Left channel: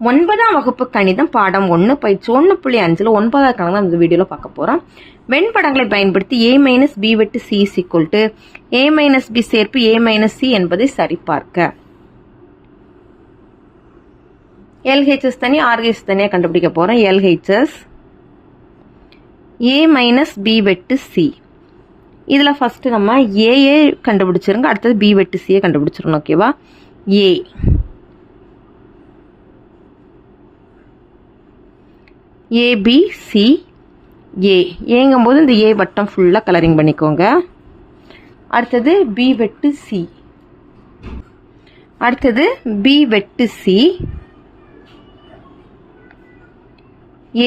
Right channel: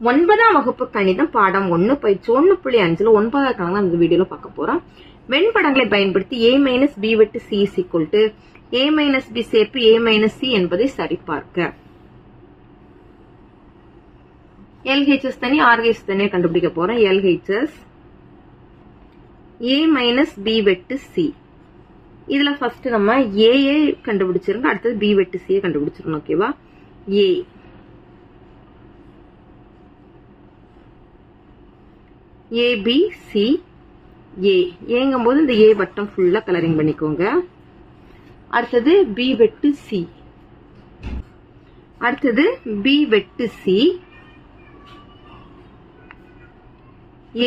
ஒன்பதாம் வகுப்பு கணிதம் பாடம் ஒன்று பயிற்சி ஒன்று புள்ளி அஞ்சில் ஒன்பதாவது கணக்கு தான் இந்த வீடியோவில் பார்க்க போகிறோம் வெண்படங்களை பயன்படுத்தி ஏ மைனஸ் பி வெட்டு C equal to A minus B சேர்ப்பு ஏ மைனஸ் சி என்பதை சரிபார்க்க. எல்ஹெச்எஸ் தனி ஆர்ஹெச் தனியாக கண்டுபிடிக்க போகிறோம் எல்ஹெச்எஸ் ஏ மைனஸ் பி வெட்டு சி இதில் ஃபஸ்ட்டு நம்ம ஏஏ கண்டுபிடிச்சிருங்க அடுத்தது பி வெட்டு சியை கண்டுபிடிச்சிருங்க ஓகேவா ஏ ஏபிசி ஏ ஏங்கும்போது இந்த ஏ வட்டம் ஃபுல்லாக கலரிங் பண்ணிக்கோங்க. அடுத்தது பி வெட்டு சி அடுத்தது பி வெட்டு சி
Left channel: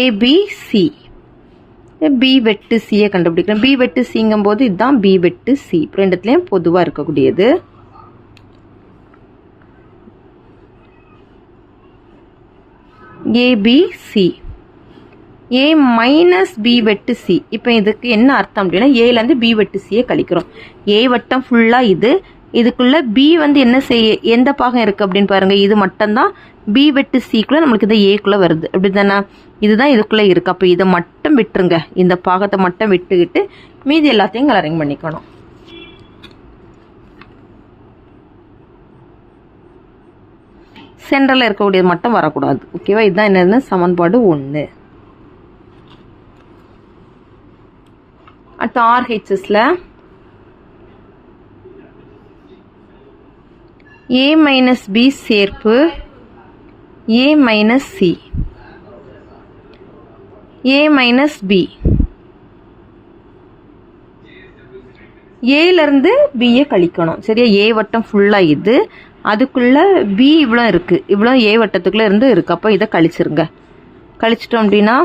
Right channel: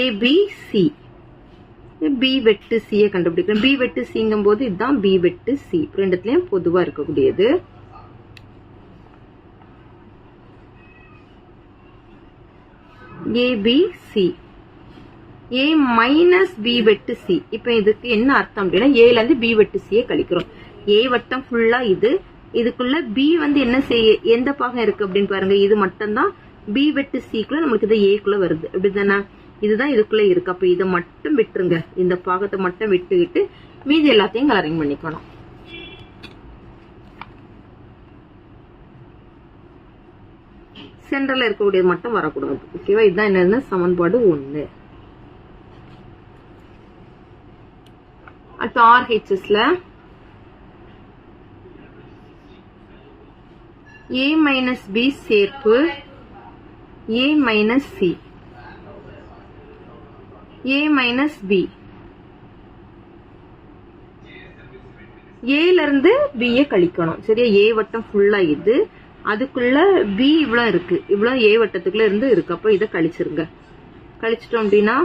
ஏபிசி பி வெட்டு சியை கண்டுபிடிக்கிறோம் பி வெட்டு சிங்கும் போது இதுதான் பி வெட்டு சி ரெண்டுத்துலேயும் பொதுவாக இருக்கக்கூடியது. ஏபிசி ஏ மைனஸ் பி வெட்டு சி இப்போ இதுக்கு என்ன அர்த்தம் அப்படின்னா ஏலேருந்து பி வெட்டு சியை கழிக்கிறோம். ஏ வட்டம் ஃபுல்லாக இது. இதுக்குள்ளே பி வந்து என்ன செய்ய எந்த பாகம் இருக்குது அப்படின்னு பாருங்க. இது மட்டும்தான் பி வெட்டு சிக்குள்ளே நம்மளுக்கு இந்த ஏக்குள்ளே வருது. அப்படி தானே இதுதான் இதுக்குள்ளே இருக்குது அப்போ இதை மட்டும் விட்டுருங்க. இந்த பாகத்தை மட்டும் விட்டுக்கிட்டு மீதி எல்லாத்தையும் கலரிங் பண்ணிக்கணும். சென்டரில் இருக்கக்கூடியது மட்டும் வரக்கூடாது. ஓகேவா இதுதான் என்னதுன்னா சமன்பாடு ஒன்று அடுத்து ஆர்ஹெச்எஸில் ஏ மைனஸ் பி சேர்ப்பு. A minus C A minus B ஏலேருந்து பியை கழிக்கணும். சரியா? ஏ வட்டம் ஃபுல்லாக இது. அதுக்குள்ளே பி இவ்வளோ இருக்குது இவ்வளோ ஏ வட்டத்துக்குள்ளே இருந்து இருக்குது அப்போ இதை கழிச்சிருங்க. கழிச்சிட்டோம் அப்படின்னா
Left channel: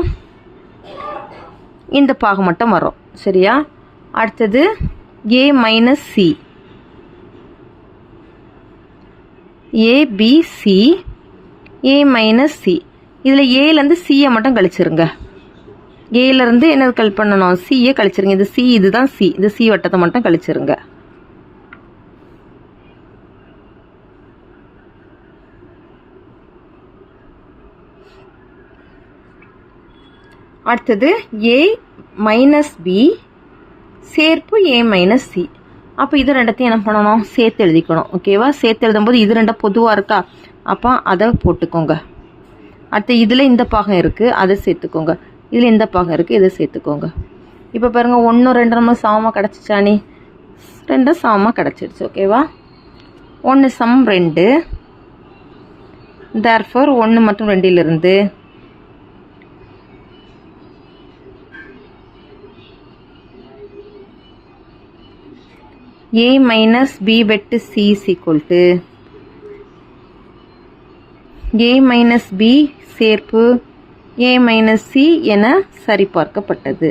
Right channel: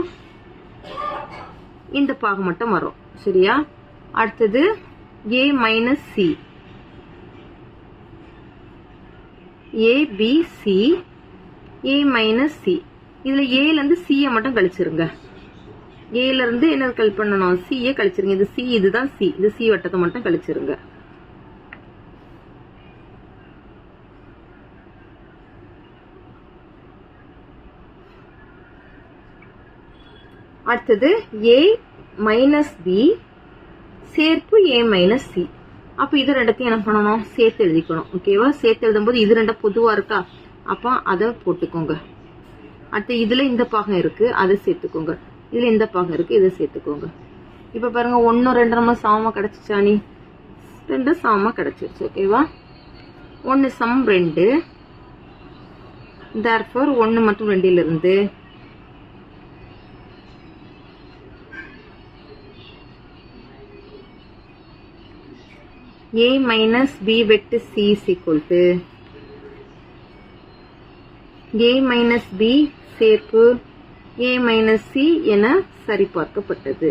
இந்த பாகம் மட்டும் வரும். சரியா? அடுத்தது A minus C ABC A minus C இதில் ஏலேருந்து சியை மட்டும் கழிச்சிருங்க. ஏலேருந்து என்ன கல் பண்ணணும்? சியை கழிச்சிருங்க. இது சி இதுதான் சி இந்த சி வட்டத்தை மட்டும் கழிச்சிருங்க. அடுத்தது ஏ மைனஸ் பி சேர்ப்பு ஏ மைனஸ் சி அப்போ இது ரெண்டத்தையும் என்ன பண்ணணும்? சேர்த்து எழுதிக்கணும். ஓகேவா சேர்த்து எழுதும்போது இது ரெண்டும் பொதுவாக இருக்கா? அப்போ அதை போட்டுக்கோங்க. அடுத்து இதில் இந்த பாகம் இருக்குது அதை சேர்த்துக்கோங்க. இதில் இந்த பாகம் இருக்குது இதை சேர்த்துக்கோங்க. இப்போ பாருங்கள் ஒன்று ரெண்டு நம்ம சமமாக கிடச்சிச்சானி ரெண்டும் சமமாக கிடச்சிடுச்சு ஓகேவா ஒன்று சம் ரெண்டு. தேர்ஃபோர் ஒன்று மற்றும் ரெண்டிலிருந்து a minus b வெட்டு c is equal to a minus b சேர்ப்பு a minus c என சரிபார்க்கப்பட்டது